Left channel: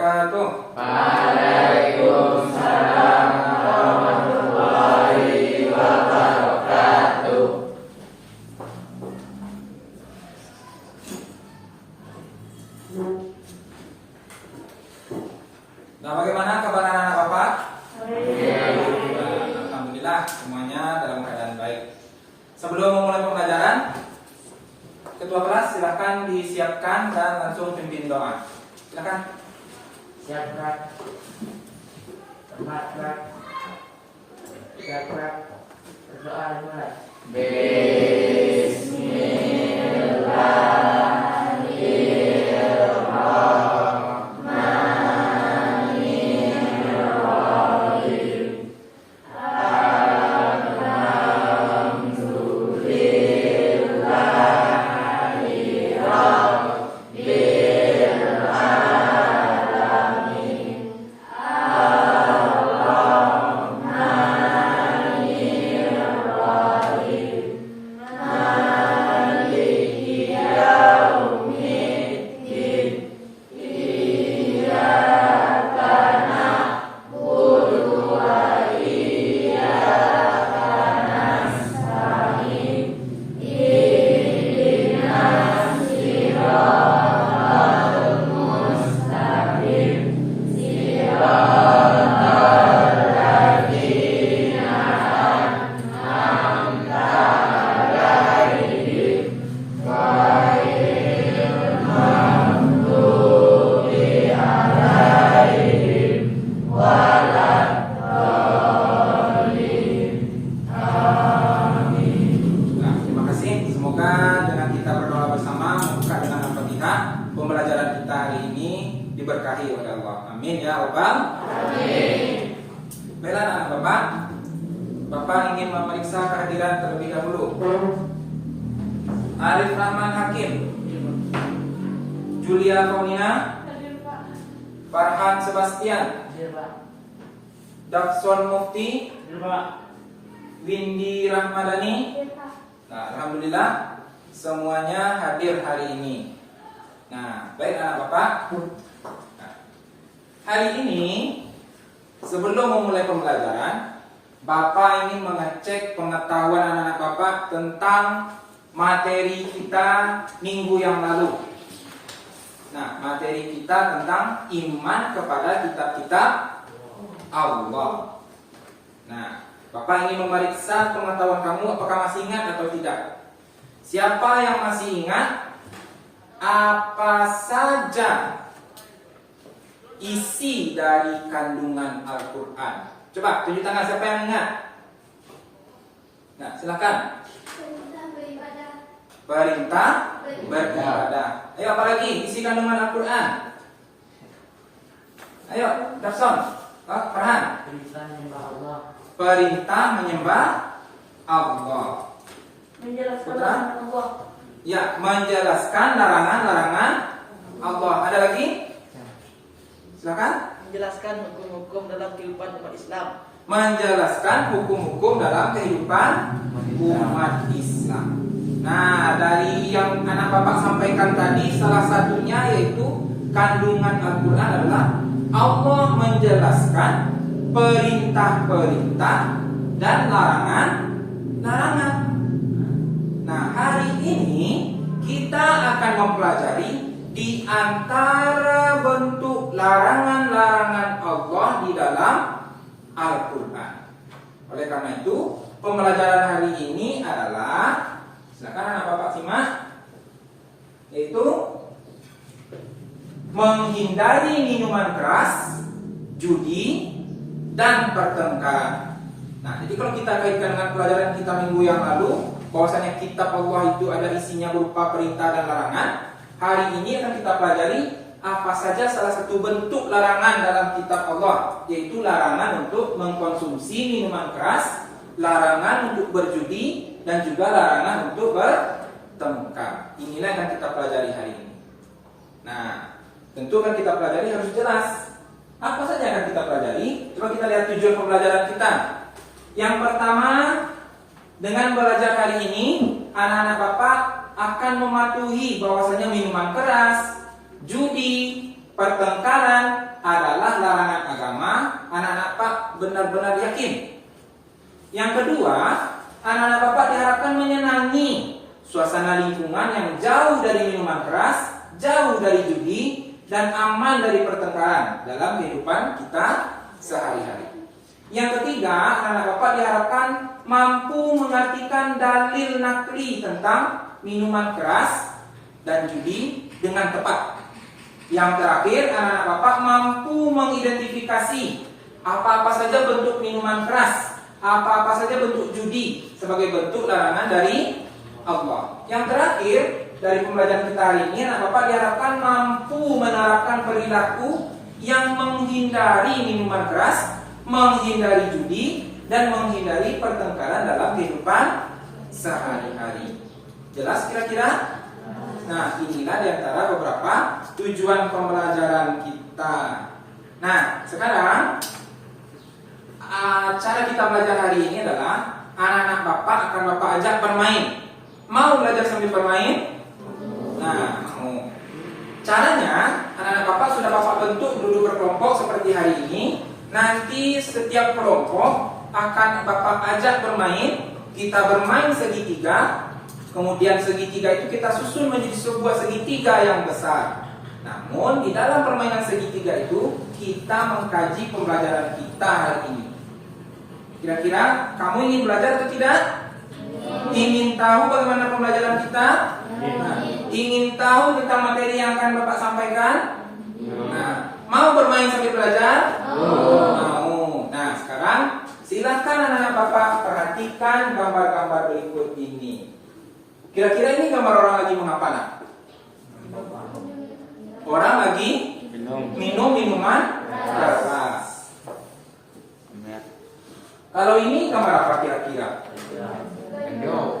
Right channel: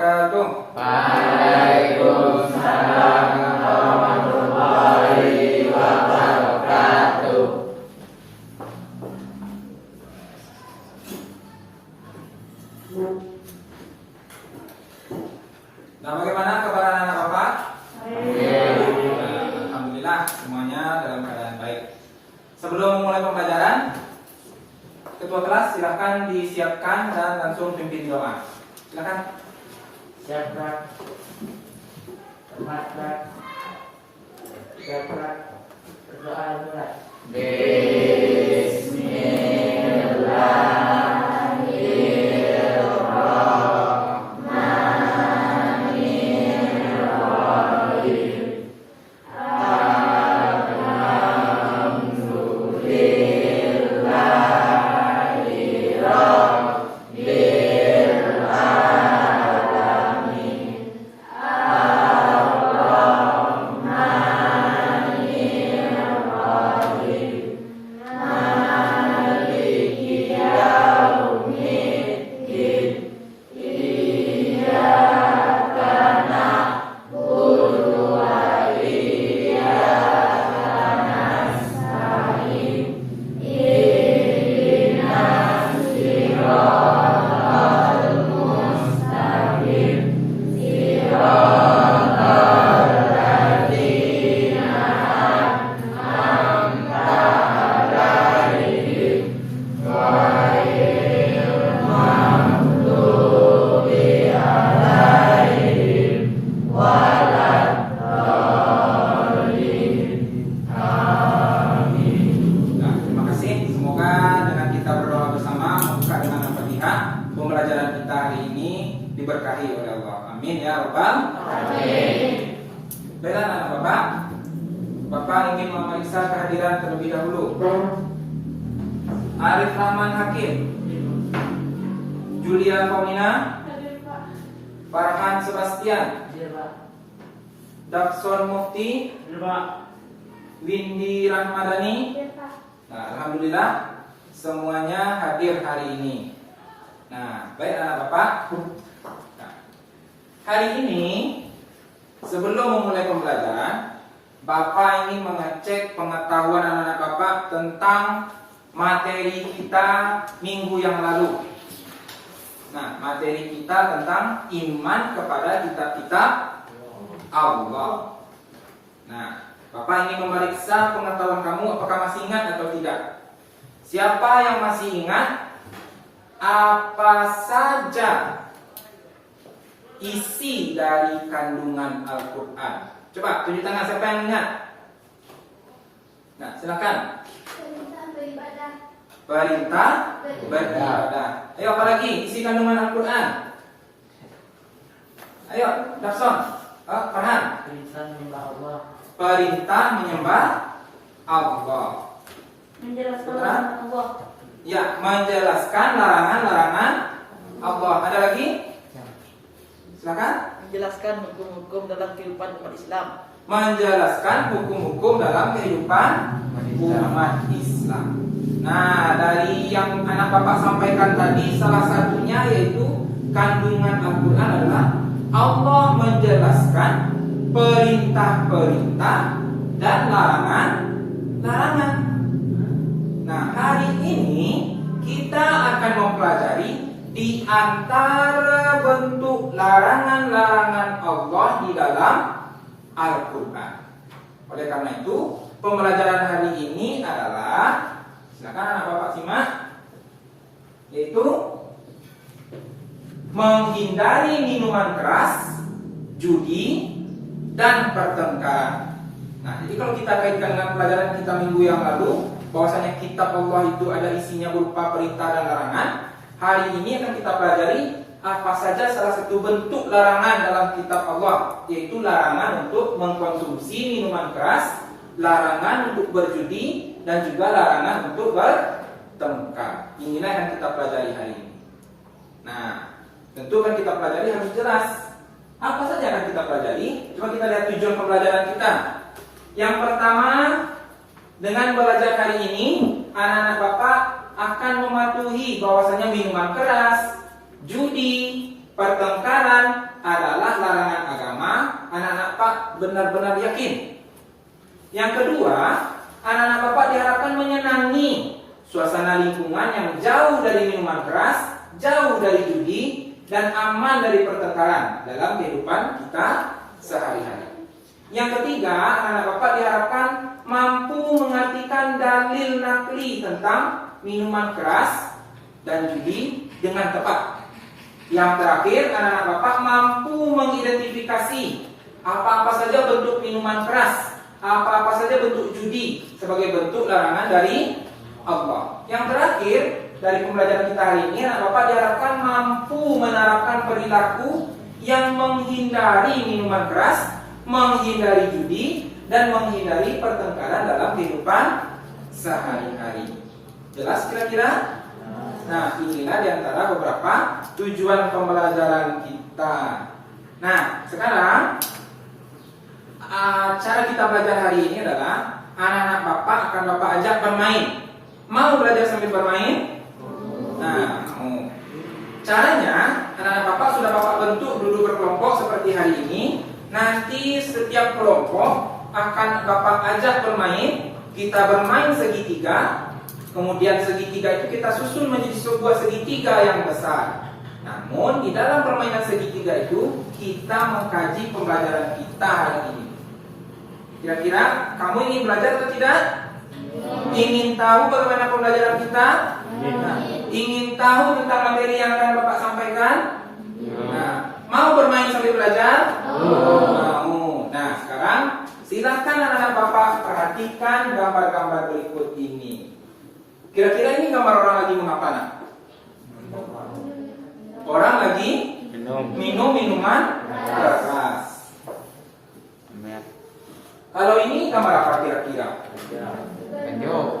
wabarakatuh. Waalaikumsalam warahmatullahi wabarakatuh. Nah, bagaimana kabar anak Bapak? Alhamdulillah semuanya dalam keadaan baik. Sebelum memulai pembelajaran, ketua kelas silakan disiapkan dan langsung pimpin doa. Silakan. Siap, Pak. Siap, Pak. Berdoa mulai. Pembelajaran kita hari ini diberkahi oleh Allah. Amin ya Rabbal alamin. Baiklah anak Bapak, Bapak ingin memeriksa kehadiran terlebih dahulu. Arif Rahman Hakim, Julia Paulina, Farhan Sebastian, Dakson Mufti, Windy Rahmadani. Nah, alhamdulillah semuanya hadir hari ini. Nah, baik anak Bapak. Nah, hari ini sebelum memulai pembelajaran, Bapak ingin mengecek pengetahuan anak-anak Bapak tentang materi kita minggu yang lalu. Nah, materi kita tentang iman kepada kitab-kitab Allah. Nah, Bapak ingin memeriksa pengetahuan kamu apakah masih ingat atau tidak. Siapa yang masih ingat apa saja isi dari kandungan Al-Quran? Coba tunjuk tangan siapa yang ingat. Nah, silakan. Perintah beribadah. Ayo, apa lagi isi kandungan Al-Quran? Ayo, Dafson, Farhan. Perintah menyembah Allah. Perintah menyembah Allah. Menjelaskan Putra? larangan Allah. Ya, menjelaskan larangan-larangan Allah. Ada lagi? Silakan. Menjelaskan hukum-hukum dalam kehidupan umat Islam. Menjelaskan hukum-hukum dalam kehidupan umat Islam. Nah, dari yang anak Bapak sampaikan tadi, salah satunya yaitu kandungan Al-Quran adalah Allah menjelaskan perintah-perintah dan larangan-larangan. Nah, hari ini kita akan mempelajari di antara bentuk larangan-larangan Allah di dalam Al-Quran. Oleh karena itu, pembelajaran hari ini adalah, silakan anak Bapak simak, yaitu menghindari minuman keras, judi, dan pertengkaran. Nah, jadi kalau kita kaitkan dengan pelajaran kita minggu yang lalu, bahwasanya kitab Allah itu ada isinya berupa perintah dan larangan. Hari ini akan kita pelajari apa saja salah satu bentuk larangan dalam kitab Allah, yaitu larangan untuk mengkonsumsi minuman keras, larangan untuk berjudi, dan juga larangan untuk bertengkar. Inilah yang akan kita pelajari hari ini. Nah, tentu kan kita pelajari harus jelas apa saja yang akan kita pelajari. Coba kita lihat tujuan pembelajaran kita. Yang pertama, dengan belajar kali ini, anak-anak Bapak akan mematuhi bahwasanya minuman keras, judi, pertengkaran adalah larangan agama, anak-anak Bapak benar-benar yakin. Yang kedua, anak-anak Bapak diharapkan menyenangi suasana lingkungan yang jauh dari minuman keras, jauh dari judi, dan aman dari pertengkaran dalam kehidupan kita sehari-hari. Yang ketiga, anak-anak Bapak diharapkan mampu mengartikan dalil nakli tentang minuman keras dan judi dengan tepat. Yang terakhir, anak-anak Bapak mampu mengidentifikasi apa-apa saja bentuk minuman keras, apa-apa saja bentuk judi sebagai bentuk larangan dari Allah. Yang terakhir, dari pembelajaran kita hari ini, anak Bapak diharapkan mampu menerapkan perilaku yang menghindari minuman keras, menghindari judi, dan menghindari pertengkaran dalam kehidupan sehari-hari. Jelas kira-kira? Nah, inilah diantara beberapa tujuan pembelajaran kita. Nah, sekarang cara kita belajar hari ini adalah anak-anak Bapak akan Bapak ajak bermain. Mau belajar sambil bermain? Nah, mau. Caranya, anak-anak Bapak sudah Bapak bentuk duduk berkelompok seperti hari ini. Nanti setiap kelompok akan Bapak ajak bermain. Kita bermain segitiga. Kemudian segitiga itu kita susun menjadi sebuah segitiga yang besar. Namun di dalam permainan segitiga itu kita mengkaji pembelajaran kita hari ini. Kira-kira kamu ingin belajar atau tidak? Ingin tahu bagaimana pembelajaran kita? Nah, ingin tahu tentang materi yang akan Bapak sampaikan? Nah, mau bermain sambil belajar? Mau. Nah, sekarang silakan anak-anak Bapak perhatikan gambar-gambar berikut ini. Kira-kira ini gambar orang lagi mengapa? Nah? Orang lagi minum minuman keras. Kalau ini gambar apa kira-kira?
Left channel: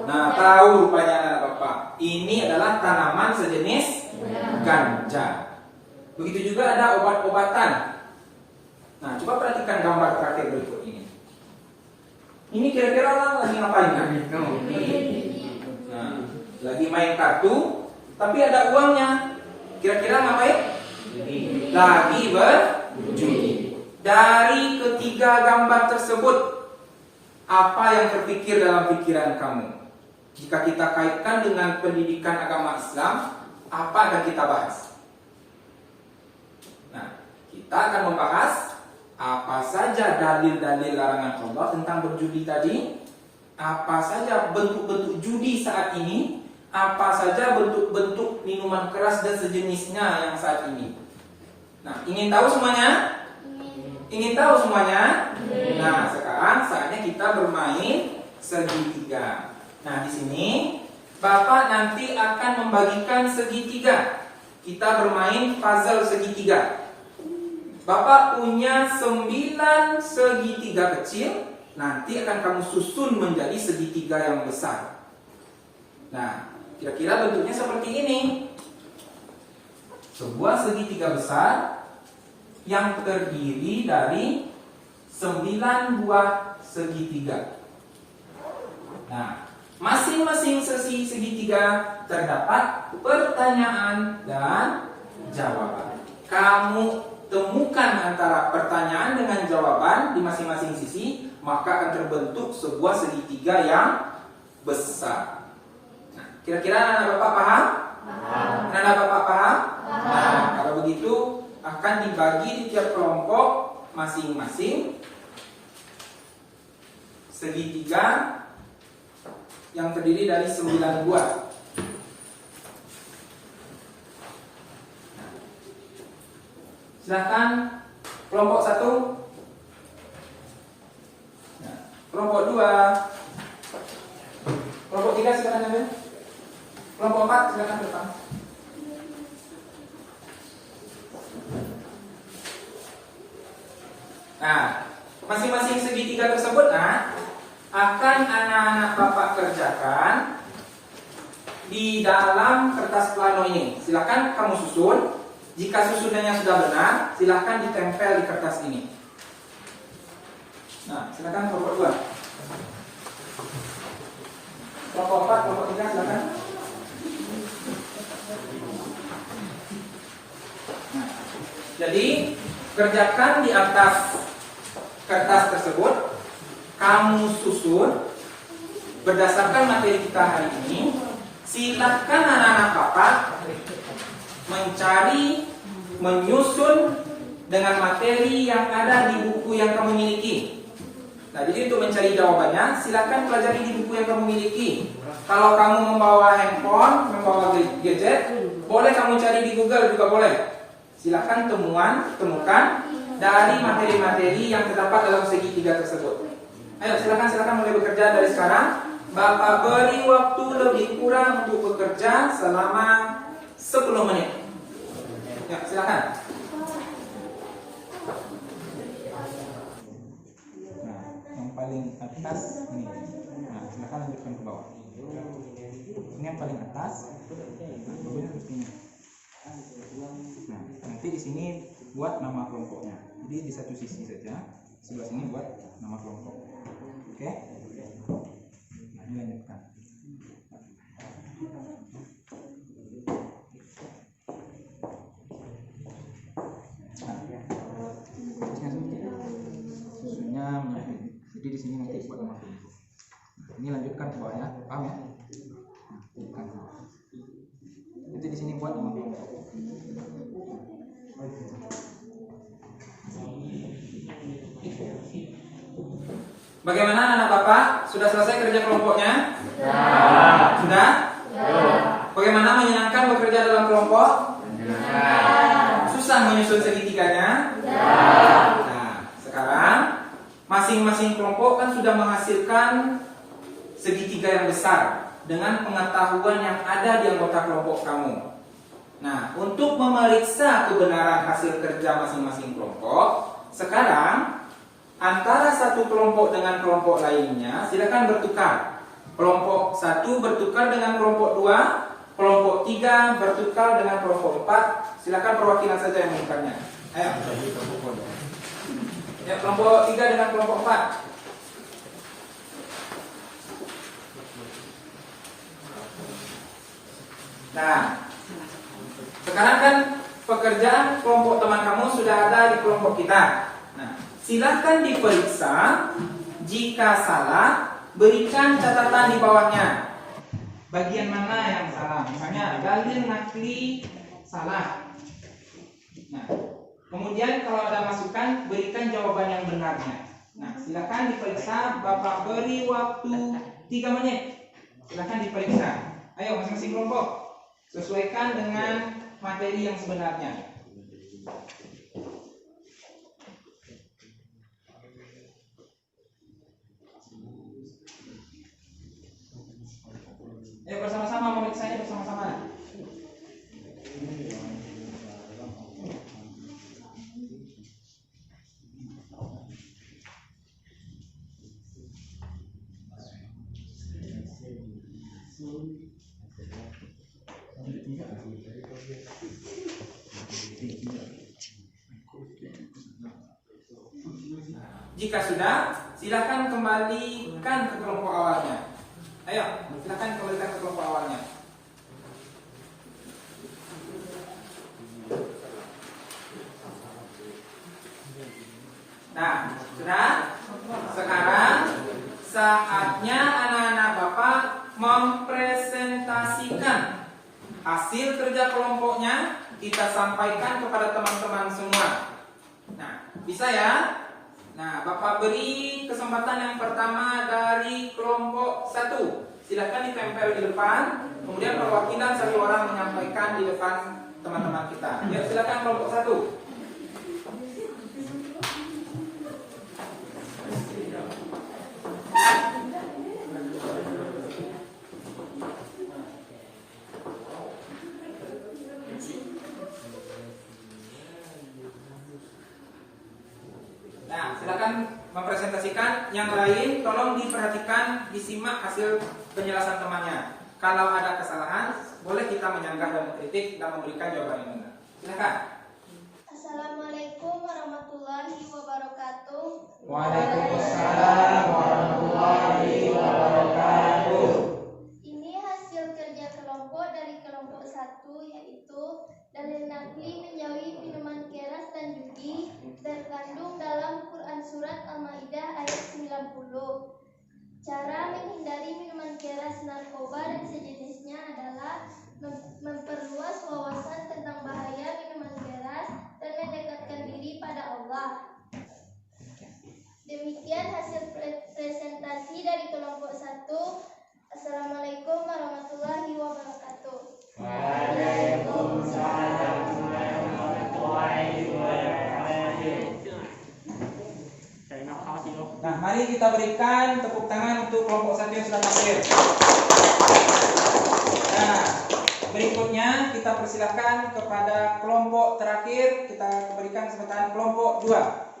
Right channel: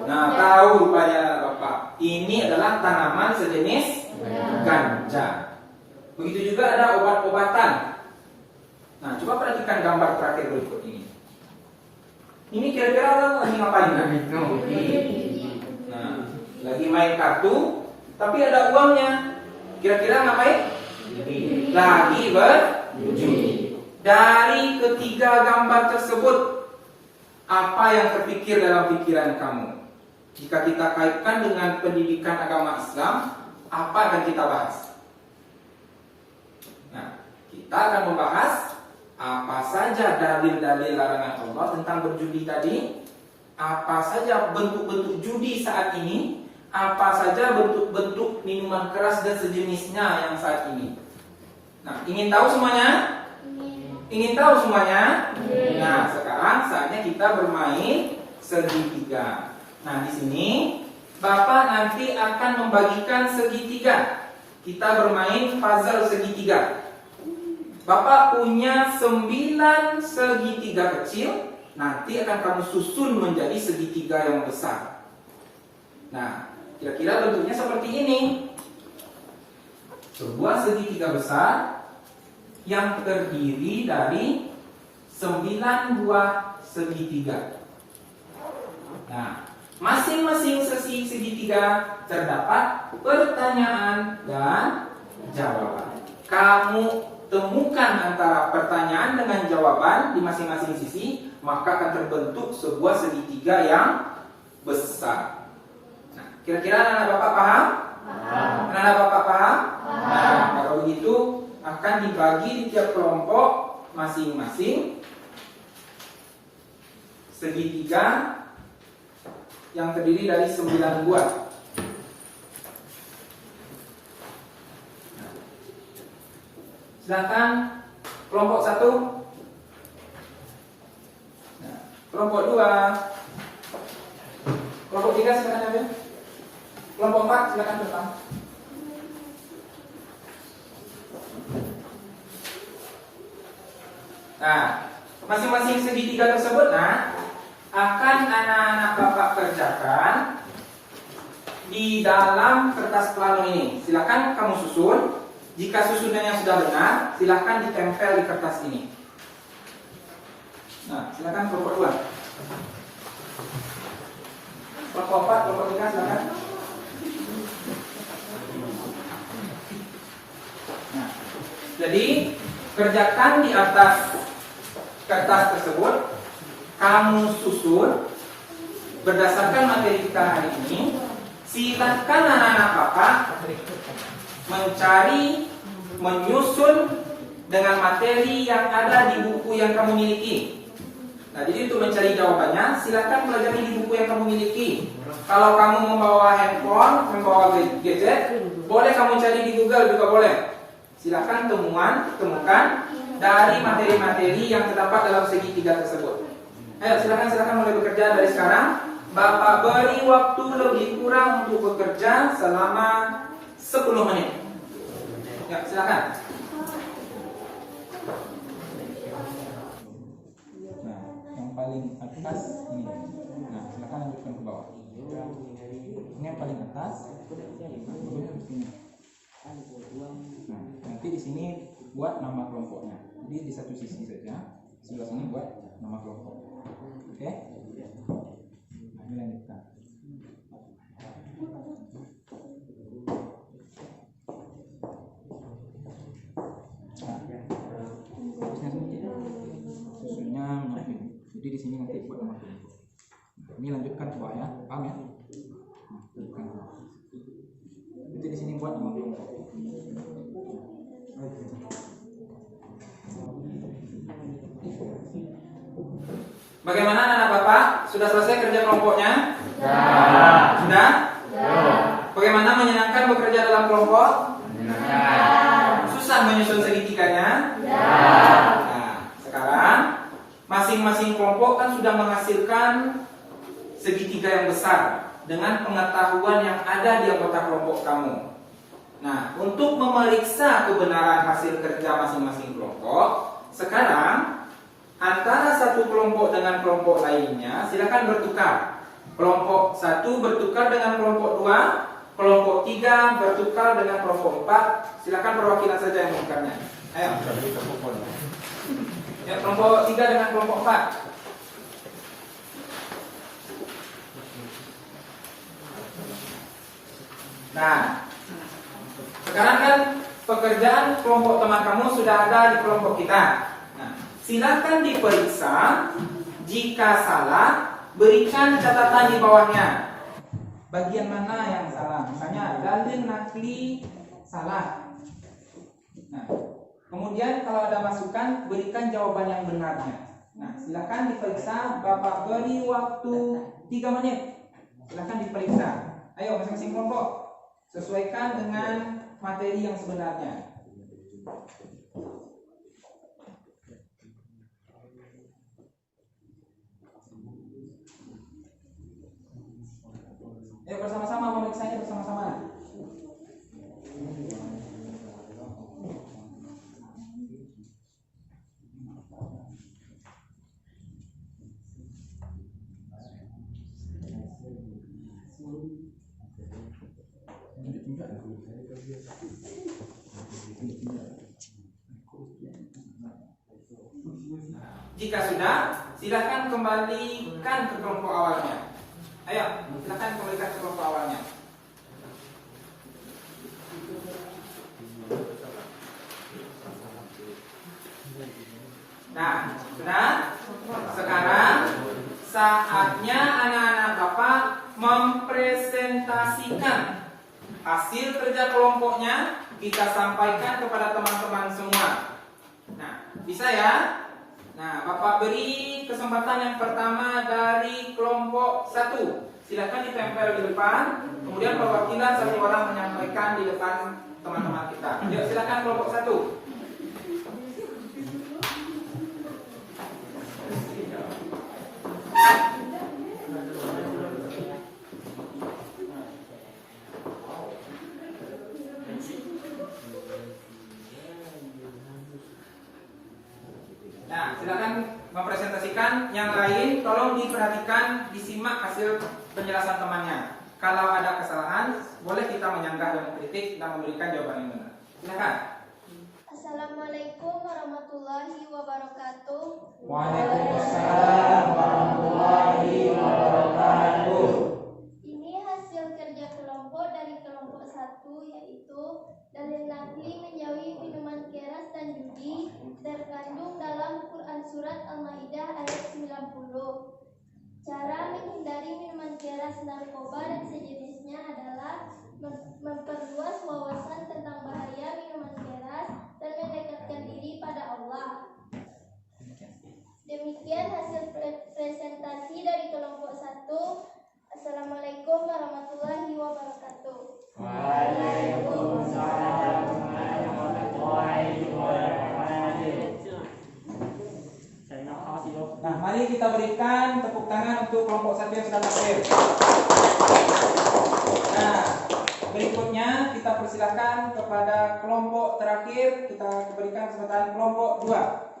Nah, tahu rupanya anak Bapak. Ini adalah tanaman sejenis ganja. Begitu juga ada obat-obatan. Nah, coba perhatikan gambar terakhir berikut ini. Ini kira-kira orang lagi ngapain? Nah, lagi main kartu, tapi ada uangnya. Kira-kira ngapain? Lagi berjudi. Dari ketiga gambar tersebut, apa yang terpikir dalam pikiran kamu? Jika kita kaitkan dengan pendidikan agama Islam, apa akan kita bahas? Nah, kita akan membahas apa saja dalil-dalil larangan Allah tentang berjudi tadi, apa saja bentuk-bentuk judi saat ini, apa saja bentuk-bentuk minuman keras dan sejenisnya yang saat ini. Nah, ingin tahu semuanya? Ingin tahu semuanya? Nah, sekarang saatnya kita bermain segitiga. Nah, di sini Bapak nanti akan membagikan segitiga. Kita bermain puzzle segitiga. Bapak punya 9 segitiga kecil. Nanti akan kamu susun menjadi segitiga yang besar. Nah, kira-kira bentuknya seperti ini. Sebuah segitiga besar yang terdiri dari 9 buah segitiga. Nah, masing-masing sisi segitiga terdapat pertanyaan dan jawaban. Kamu temukan antara pertanyaan dengan jawaban di masing-masing sisi, maka akan terbentuk sebuah segitiga yang besar. Nah, kira-kira anak Bapak paham? Anak Bapak paham? Nah, kalau begitu akan dibagi di tiap kelompok masing-masing segitiga yang terdiri dari 9 buah. Silakan kelompok 1. Nah, kelompok 2. Kelompok 3 silakan ambil. Kelompok 4 silakan bertemu. Nah, masing-masing segitiga tersebut akan anak-anak Bapak kerjakan di dalam kertas plano ini. Silakan kamu susun. Jika susunannya sudah benar, silakan ditempel di kertas ini. Nah, silakan kelompok 2. Kelompok 4, kelompok 3 silakan. Nah, Jadi kerjakan di atas kertas tersebut, kamu susun berdasarkan materi kita hari ini. Silakan anak-anak Bapak mencari, menyusun dengan materi yang ada di buku yang kamu miliki. Nah, jadi untuk mencari jawabannya, silakan pelajari di buku yang kamu miliki. Kalau kamu membawa handphone, membawa gadget, boleh kamu cari di Google juga boleh. Silakan temukan dari materi-materi yang terdapat dalam segitiga tersebut. Ayo, silakan mulai bekerja dari sekarang. Bapak beri waktu lebih kurang untuk bekerja selama 10 menit. Ya, silakan. Nah, yang paling atas ini. Nah, silakan lanjutkan ke bawah. Ini yang paling atas. Nah, bawahnya harus ini. Nah, nanti di sini buat nama kelompoknya. Jadi di satu sisi saja, sebelah sini buat nama kelompok. Oke? Nah, ini lanjutkan. Susunnya menyamping. Jadi di sini nanti buat nama kelompok. Nah, ini lanjutkan ke bawah ya, paham ya? Nah, lanjutkan ke bawah. Nanti di sini buat nama kelompok. Bagaimana anak-anak Bapak? Sudah selesai kerja kelompoknya? Sudah? Bagaimana menyenangkan bekerja dalam kelompok? Susah menyusun segitiganya? Nah, sekarang masing-masing kelompok kan sudah menghasilkan segitiga yang besar dengan pengetahuan yang ada di anggota kelompok kamu. Nah, untuk memeriksa kebenaran hasil kerja masing-masing kelompok, sekarang antara satu kelompok dengan kelompok lainnya silakan bertukar. Kelompok 1 bertukar dengan kelompok 2, kelompok 3 bertukar dengan kelompok 4. Silakan perwakilan saja yang mengukarnya. Ayo. Ya, kelompok 3 dengan kelompok 4. Nah, sekarang kan pekerjaan kelompok teman kamu sudah ada di kelompok kita. Nah, silakan diperiksa. Jika salah, berikan catatan di bawahnya. Bagian mana yang salah? Misalnya dalil nakli salah. Nah, kemudian kalau ada masukan, berikan jawaban yang benarnya. Nah, silakan diperiksa. Bapak beri waktu 3 menit. Silakan diperiksa. Ayo masing-masing kelompok, sesuaikan dengan materi yang sebenarnya. Ayo bersama-sama memeriksanya bersama-sama. Jika sudah, silakan kembalikan ke kelompok awalnya. Ayo, silakan kembalikan ke kelompok awalnya. Nah, sudah? Sekarang saatnya anak-anak Bapak mempresentasikan hasil kerja kelompoknya. Kita sampaikan kepada teman-teman semua. Nah, bisa ya? Nah, Bapak beri kesempatan yang pertama dari kelompok 1. Silakan ditempel di depan. Kemudian perwakilan 1 orang menyampaikan di depan teman-teman kita. Yuk, silakan kelompok 1. Nah, silakan mempresentasikan. Yang lain tolong diperhatikan, disimak hasil penjelasan temannya. Kalau ada kesalahan, boleh kita menyanggah dan mengkritik dan memberikan jawaban yang benar. Silakan. Assalamualaikum warahmatullahi wabarakatuh. Waalaikumsalam warahmatullahi wabarakatuh. Ini hasil kerja kelompok dari kelompok 1, yaitu dalil nakli menjauhi minuman keras menghindari minuman keras, narkoba, dan sejenisnya adalah memperluas wawasan tentang bahaya minuman keras dan mendekatkan diri pada Allah. Demikian hasil presentasi dari kelompok 1. Assalamualaikum warahmatullahi wabarakatuh. Waalaikumsalam warahmatullahi wabarakatuh. Nah, mari kita berikan tepuk tangan untuk kelompok 1 yang sudah tampil. Nah, berikutnya kita persilakan kepada kelompok terakhir. Kita berikan kesempatan kelompok 2.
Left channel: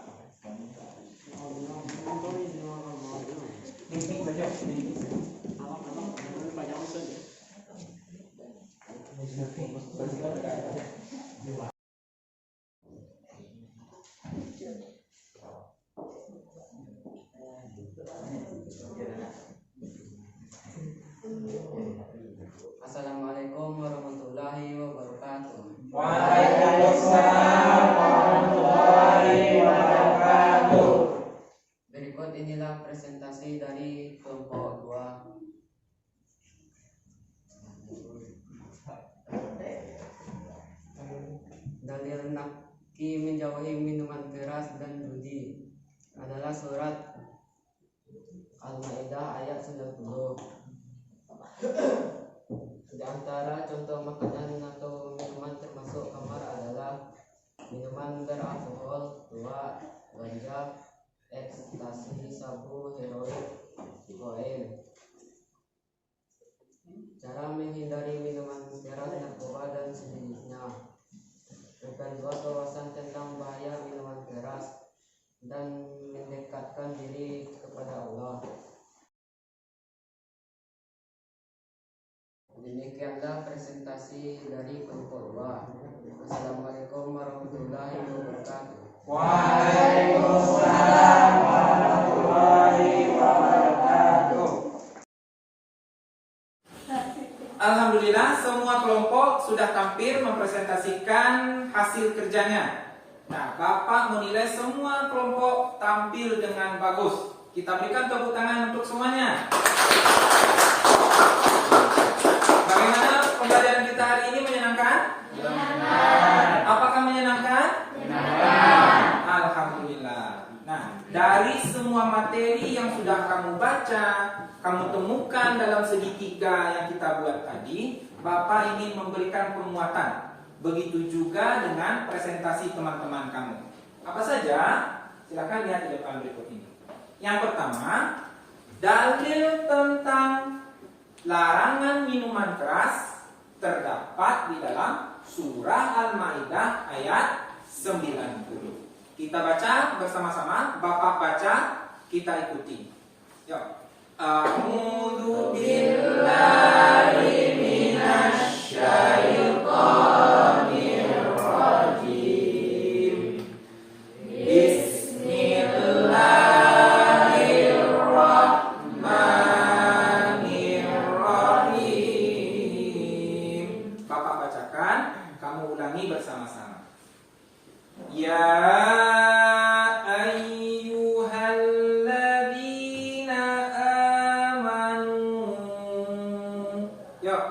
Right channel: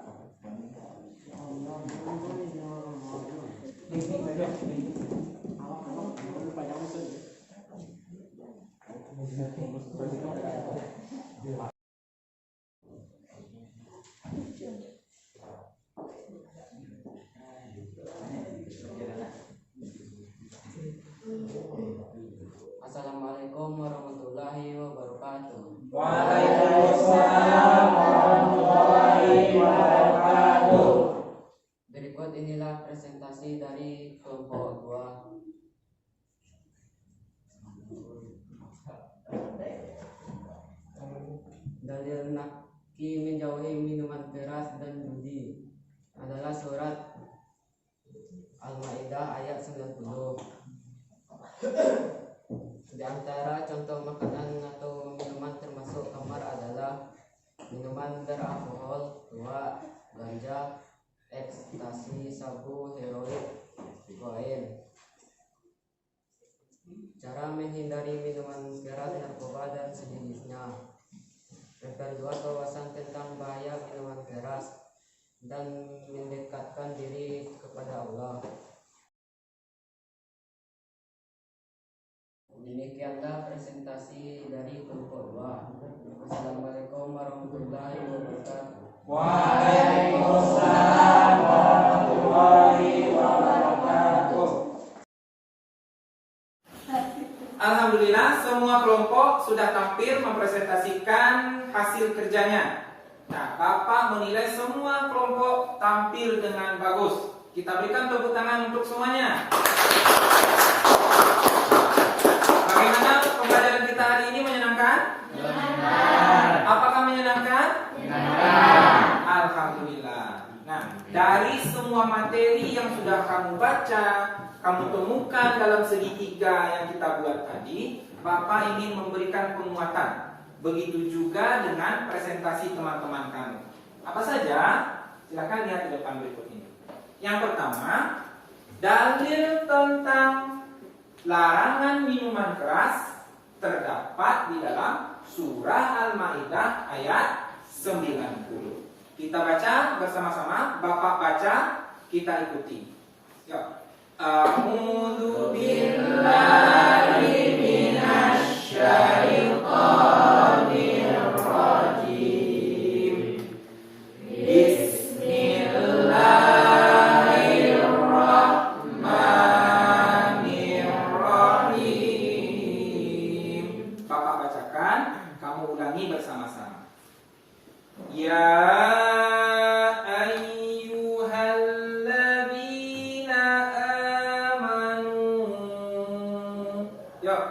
Assalamualaikum warahmatullahi wabarakatuh. Waalaikumsalam warahmatullahi wabarakatuh. Berikut inilah presentasi dari kelompok 2. Dalil naki menjauhi minuman keras dan judi adalah surat Al-Maidah ayat 90. Di antara contoh makanan atau minuman termasuk khamar adalah minuman beralkohol, tua, ganja, ekstasi, sabu, heroin, kokain. Cara menghindari minuman keras, narkoba, dan sejenisnya. Memperluas wawasan tentang bahaya minuman keras dan mendekatkan diri kepada Allah. Demikianlah presentasi dari kelompok 2. Wassalamualaikum warahmatullahi wabarakatuh. Waalaikumsalam warahmatullahi wabarakatuh. Alhamdulillah, semua kelompok sudah tampil mempresentasikan hasil kerjanya. Nah, Bapak menilai semua kelompok tampil dengan bagus. Kita berikan tepuk tangan untuk semuanya. Bagaimana pembelajaran kita hari ini, menyenangkan? Menyenangkan. Apakah menyenangkan? Menyenangkan. Alhamdulillah. Nah, dari semua materi yang sudah kamu baca, kamu temukan dalam segitiga yang kita buat tadi, Bapak ingin memberikan penguatan. Begitu juga dengan presentasi teman-teman kamu. Apa saja? Silakan lihat di depan berikut ini. Yang pertama, dalil tentang larangan minuman keras terdapat di dalam surah Al-Maidah ayat 90. Kita baca bersama-sama, Bapak baca, kita ikuti. Yuk. A'udzu billahi minasy syaithanir rajim. Bismillahirrahmanirrahim. Bapak bacakan, kamu ulangi bersama-sama. Ya ayyuhalladzina amanu. Yuk.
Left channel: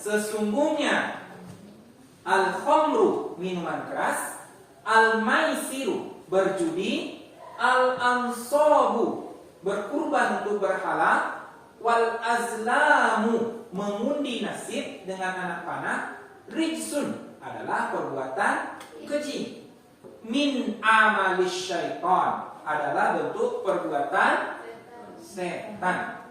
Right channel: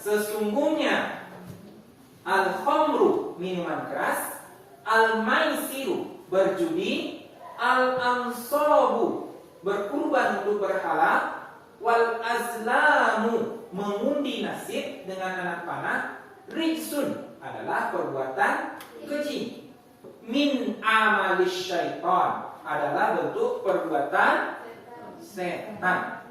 sesungguhnya al-khamru minuman keras, al-maisiru berjudi, al-ansabu berkurban untuk berhala, wal azlamu mengundi nasib dengan anak panah, rijsun adalah perbuatan keji, min amalis syaitan adalah bentuk perbuatan setan.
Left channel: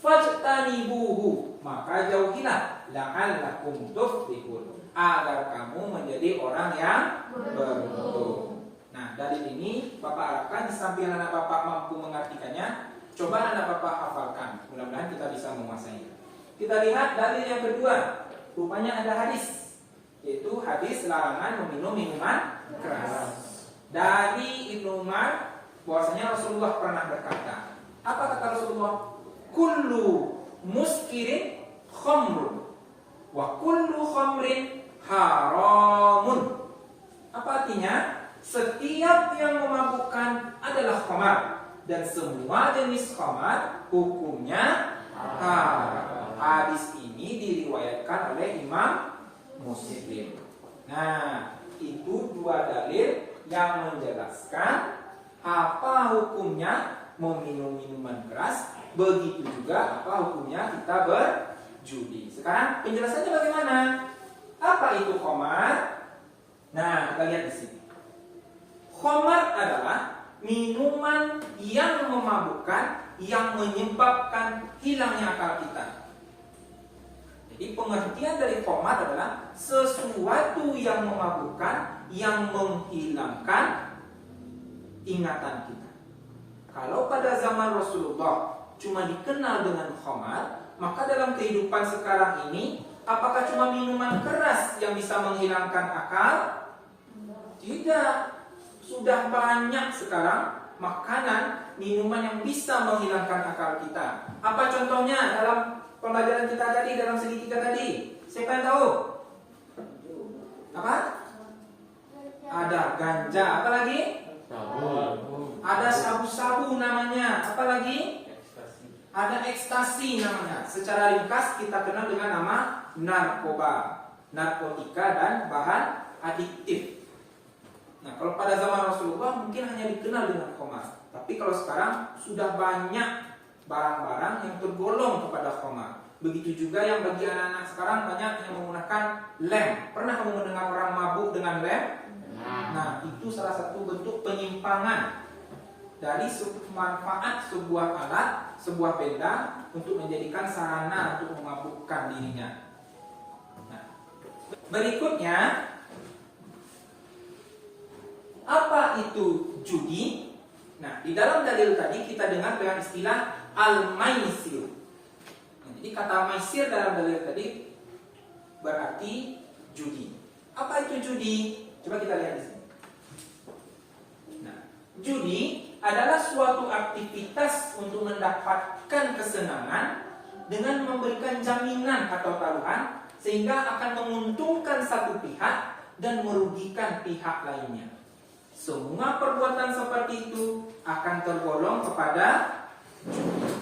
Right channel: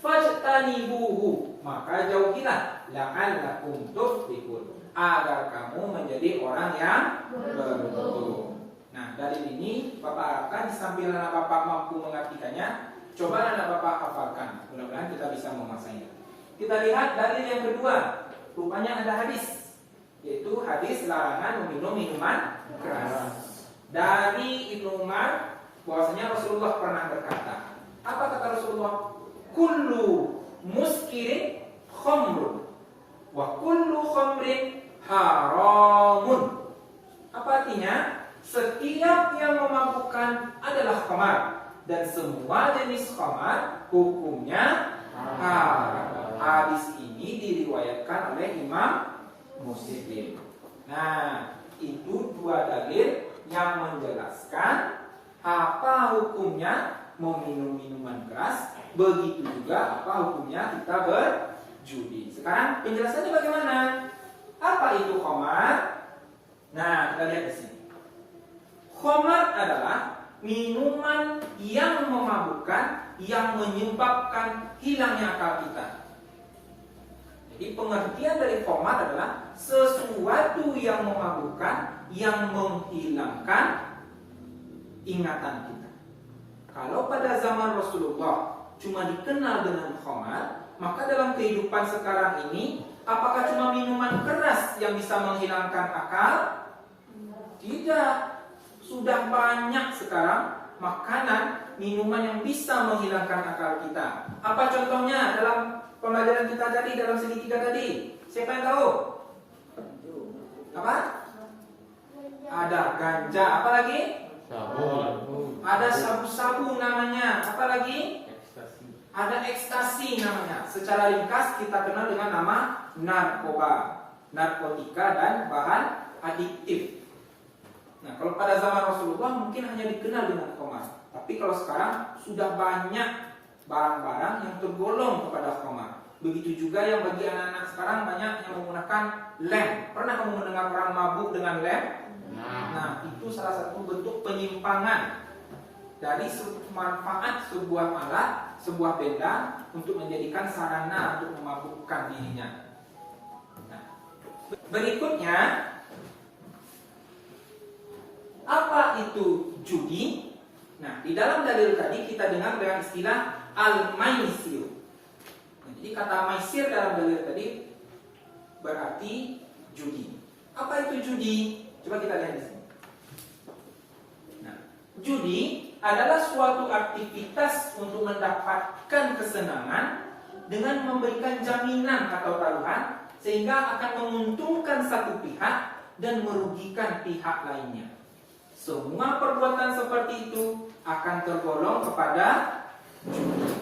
Fajtanibuhu maka jauhilah, la'allakum tuflihun agar kamu menjadi orang yang beruntung. Nah, dari ini Bapak harapkan di samping anak Bapak mampu mengartikannya, coba anak Bapak hafalkan. Mudah-mudahan kita bisa menguasainya. Kita lihat dalil yang kedua. Rupanya ada hadis, yaitu hadis larangan meminum minuman keras. Dari Ibnu Umar bahwasanya Rasulullah pernah berkata, apa kata Rasulullah? Kullu muskirin khamrun wa kullu khamrin haramun. Apa artinya? Setiap yang memabukkan adalah khamar dan semua jenis khamar hukumnya haram. Hadis ini diriwayatkan oleh Imam Muslim. Nah, itu dua dalil yang menjelaskan apa hukumnya meminum minuman keras, begitu juga apa hukumnya kita berjudi. Sekarang penjelasannya bagaimana? Apa itu khamar? Nah, kita lihat di sini. Khamar adalah minuman yang memabukkan, yang menyebabkan hilangnya akal kita. Jadi pengertian dari khamar adalah sesuatu yang memabukkan, yang menghilangkan ingatan kita. Kalau pada zaman Rasulullah cuma dikenal dengan khamar, maka dalam kehidupan sekarang ini, apakah cuma minuman keras yang bisa menghilangkan akal? Tidak. Sudah banyak sekarang makanan, minuman yang bisa menghilangkan akal kita. Apa contohnya dalam pembelajaran kita tadi, dalam segitiga tadi? Siapa yang tahu? Apa? Ada ganja, apa lagi? Ada sabu-sabu namanya, apa lagi? Ada ekstasi namanya. Secara ringkas kita kenal dengan nama narkoba, narkotika dan bahan adiktif. Nah, kalau pada zaman Rasulullah mungkin hanya dikenal dengan khamar. Tapi kalau sekarang sudah banyak barang-barang yang tergolong kepada khamar. Begitu juga yang bagi anak-anak sekarang banyak yang menggunakan lem. Pernah kamu mendengar orang mabuk dengan lem? Nah, itu salah satu bentuk penyimpangan dari manfaat sebuah alat, sebuah benda untuk menjadikan sarana untuk memabukkan dirinya. Nah, berikutnya, apa itu judi? Nah, di dalam dalil tadi kita dengar dengan istilah al-maisir. Nah, jadi kata maisir dalam dalil tadi berarti judi. Apa itu judi? Coba kita lihat di sini. Nah, judi adalah suatu aktivitas untuk mendapatkan kesenangan dengan memberikan jaminan atau taruhan sehingga akan menguntungkan satu pihak dan merugikan pihak lainnya. Semua perbuatan seperti itu akan tergolong kepada judi.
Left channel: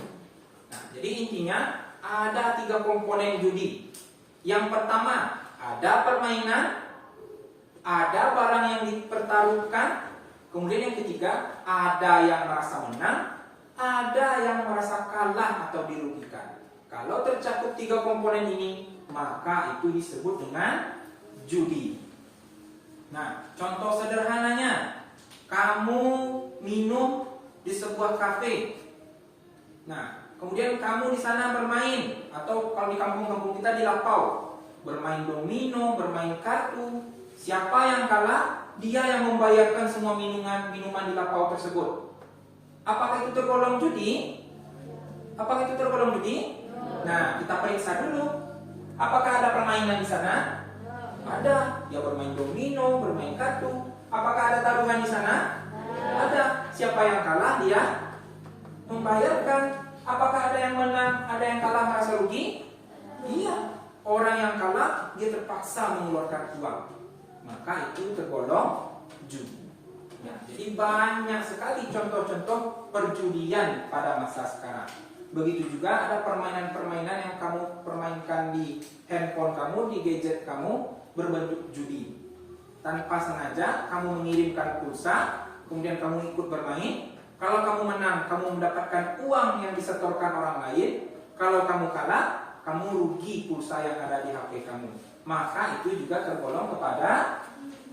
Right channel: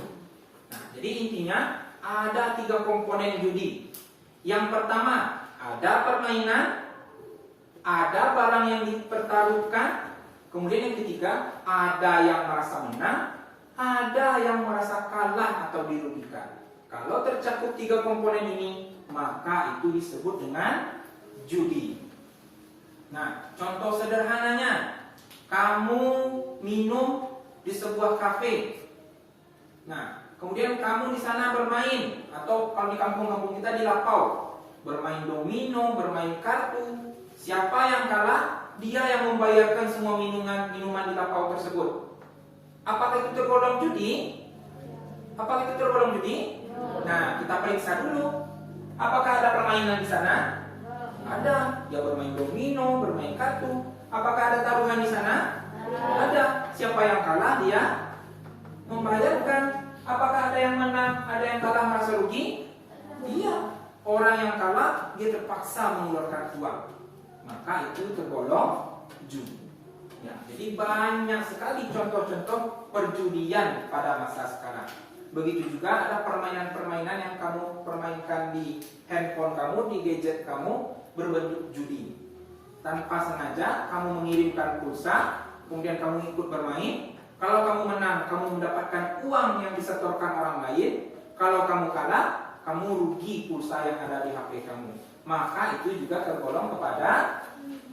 Nah, jadi intinya ada 3 komponen judi. Yang pertama, ada permainan, ada barang yang dipertaruhkan. Kemudian yang ketiga, ada yang merasa menang, ada yang merasa kalah atau dirugikan. Kalau tercakup 3 komponen ini, maka itu disebut dengan judi. Nah, contoh sederhananya, kamu minum di sebuah kafe. Nah, kemudian kamu di sana bermain, atau kalau di kampung-kampung kita di lapau, bermain domino, bermain kartu. Siapa yang kalah, dia yang membayarkan semua minuman di lapau tersebut. Apakah itu tergolong judi? Apakah itu tergolong judi? Nah, kita periksa dulu. Apakah ada permainan di sana? Ada. Dia bermain domino, bermain kartu. Apakah ada taruhan di sana? Ada. Siapa yang kalah, dia membayarkan. Apakah ada yang menang, ada yang kalah merasa rugi? Iya. Orang yang kalah, dia terpaksa mengeluarkan uang. Maka itu tergolong judi. Ya, jadi banyak sekali contoh-contoh perjudian pada masa sekarang. Begitu juga ada permainan-permainan yang kamu permainkan di handphone kamu, di gadget kamu berbentuk judi. Tanpa sengaja kamu mengirimkan pulsa, kemudian kamu ikut bermain. Kalau kamu menang, kamu mendapatkan uang yang disetorkan orang lain. Kalau kamu kalah, kamu rugi pulsa yang ada di HP kamu. Maka itu juga tergolong kepada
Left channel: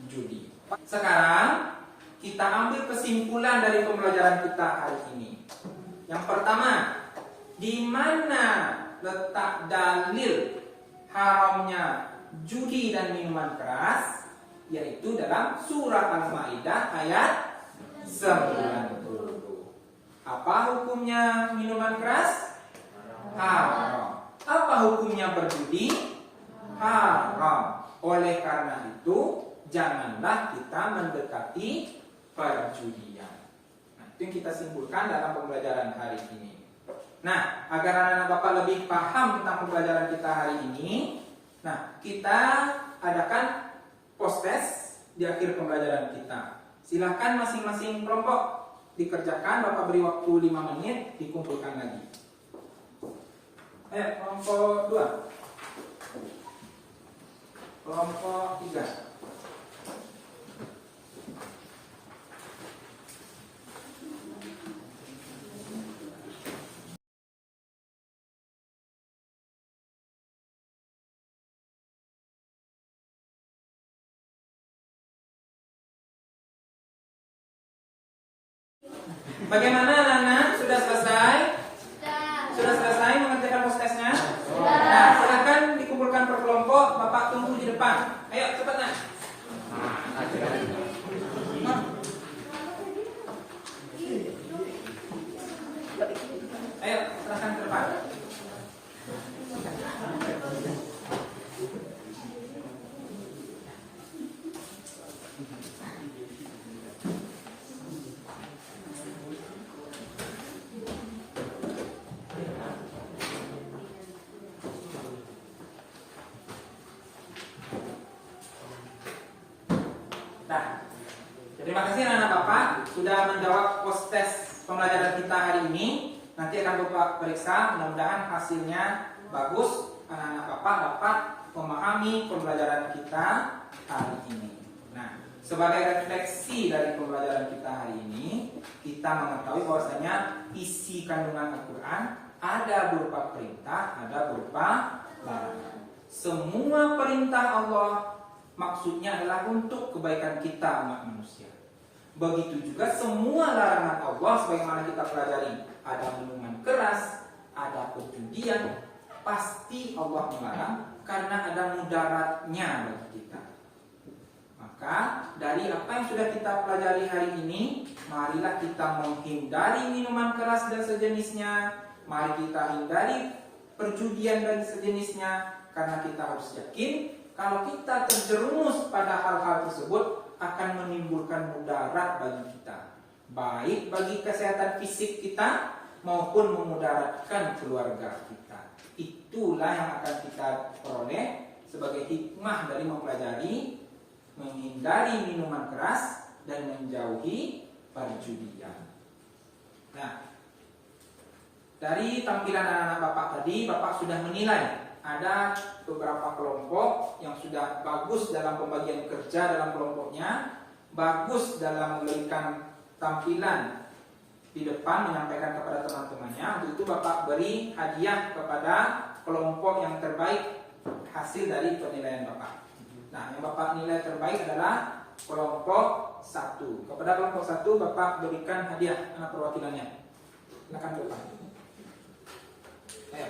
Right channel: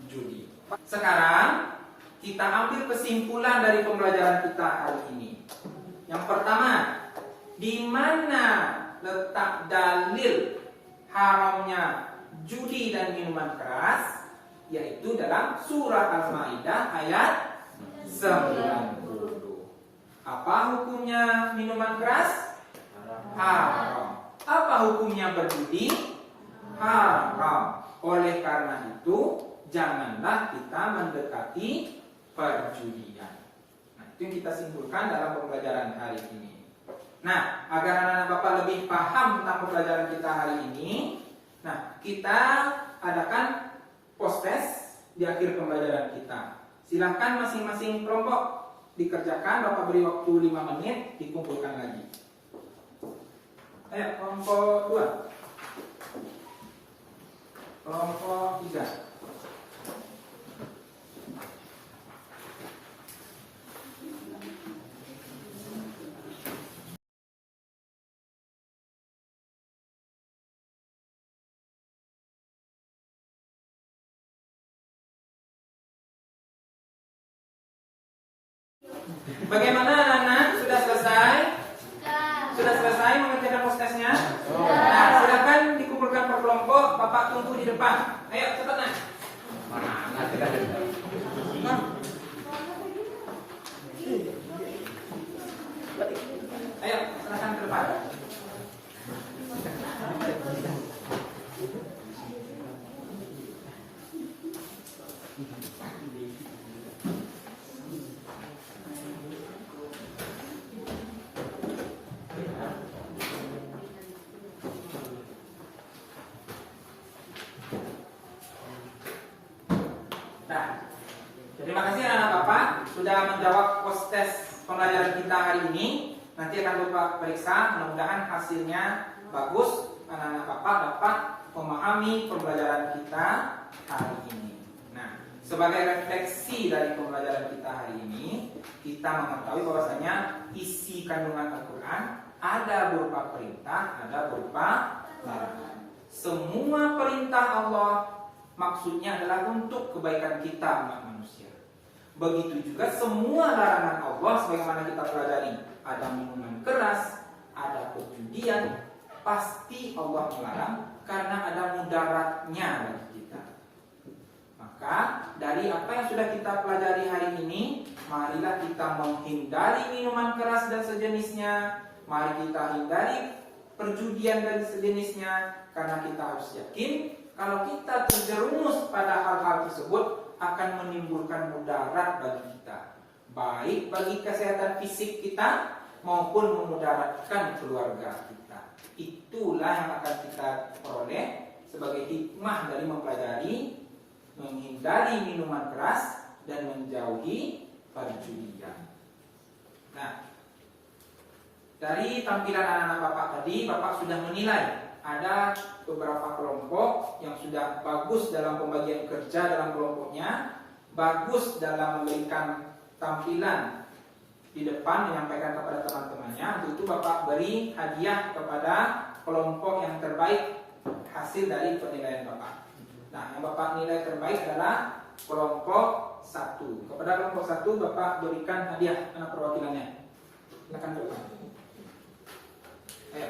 judi. Sekarang kita ambil kesimpulan dari pembelajaran kita hari ini. Yang pertama, di mana letak dalil haramnya judi dan minuman keras? Yaitu dalam surah Al-Maidah ayat 90. Apa hukumnya minuman keras? Haram. Apa hukumnya berjudi? Haram. Oleh karena itu, janganlah kita mendekati perjudian. Nah, itu yang kita simpulkan dalam pembelajaran hari ini. Nah, agar anak-anak Bapak lebih paham tentang pembelajaran kita hari ini, nah, kita adakan post-test di akhir pembelajaran kita. Silahkan masing-masing kelompok dikerjakan, Bapak beri waktu 5 menit, dikumpulkan lagi. Ayo, kelompok 2. Kelompok 3. Bagaimana anak-anak? Sudah selesai? Sudah selesai mengerjakan post-testnya? Nah, silakan dikumpulkan per kelompok. Bapak tunggu di depan. Ayo, cepat nak. Ayo, serahkan ke depan. Nah, terima kasih anak-anak Bapak sudah menjawab post test pembelajaran kita hari ini. Nanti akan Bapak periksa, mudah-mudahan hasilnya bagus. Anak-anak Bapak dapat memahami pembelajaran kita hari ini. Nah, sebagai refleksi dari pembelajaran kita hari ini, kita mengetahui bahwasanya isi kandungan Al-Quran ada berupa perintah, ada berupa larangan. Semua perintah Allah maksudnya adalah untuk kebaikan kita umat manusia. Begitu juga semua larangan Allah sebagaimana kita pelajari, ada minuman keras, ada perjudian, pasti Allah melarang karena ada mudaratnya bagi kita. Maka dari apa yang sudah kita pelajari hari ini, marilah kita menghindari minuman keras dan sejenisnya. Mari kita hindari perjudian dan sejenisnya, karena kita harus yakin kalau kita terjerumus pada hal-hal tersebut akan menimbulkan mudarat bagi kita, baik bagi kesehatan fisik kita maupun memudaratkan keluarga kita. Itulah yang akan kita peroleh sebagai hikmah dari mempelajari, menghindari minuman keras dan menjauhi perjudian. Nah, dari tampilan anak-anak Bapak tadi, Bapak sudah menilai ada beberapa kelompok yang sudah bagus dalam pembagian kerja dalam kelompoknya, bagus dalam memberikan tampilan di depan, menyampaikan kepada teman-temannya. Untuk itu Bapak beri hadiah kepada kelompok yang terbaik hasil dari penilaian Bapak. Nah, yang Bapak nilai terbaik adalah kelompok 1. Kepada kelompok 1 Bapak berikan hadiah, mana perwakilannya? Silakan ke depan. Ayo.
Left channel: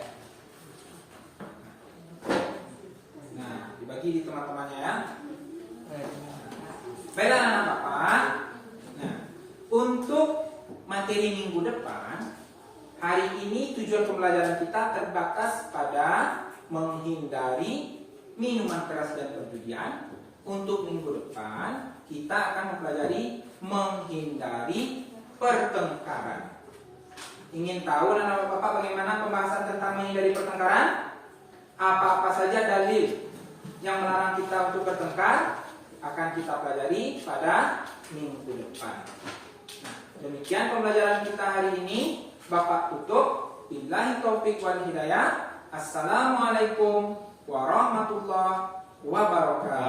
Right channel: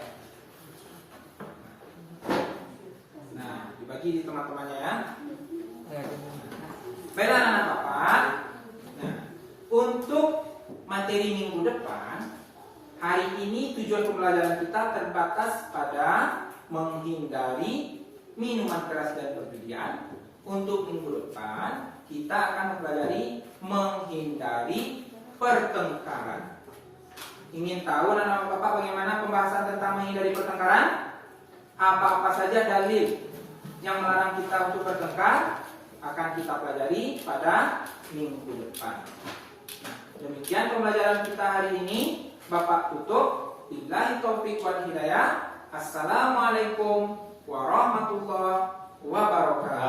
Nah, dibagi di teman-temannya ya. Baiklah anak Bapak. Nah, untuk materi minggu depan, hari ini tujuan pembelajaran kita terbatas pada menghindari minuman keras dan perjudian. Untuk minggu depan, kita akan mempelajari menghindari pertengkaran. Ingin tahu anak Bapak bagaimana pembahasan tentang menghindari pertengkaran? Apa-apa saja dalil yang melarang kita untuk bertengkar akan kita pelajari pada minggu depan. Nah, demikian pembelajaran kita hari ini. Bapak tutup. Billahi taufiq wal hidayah. Assalamualaikum warahmatullahi wabarakatuh.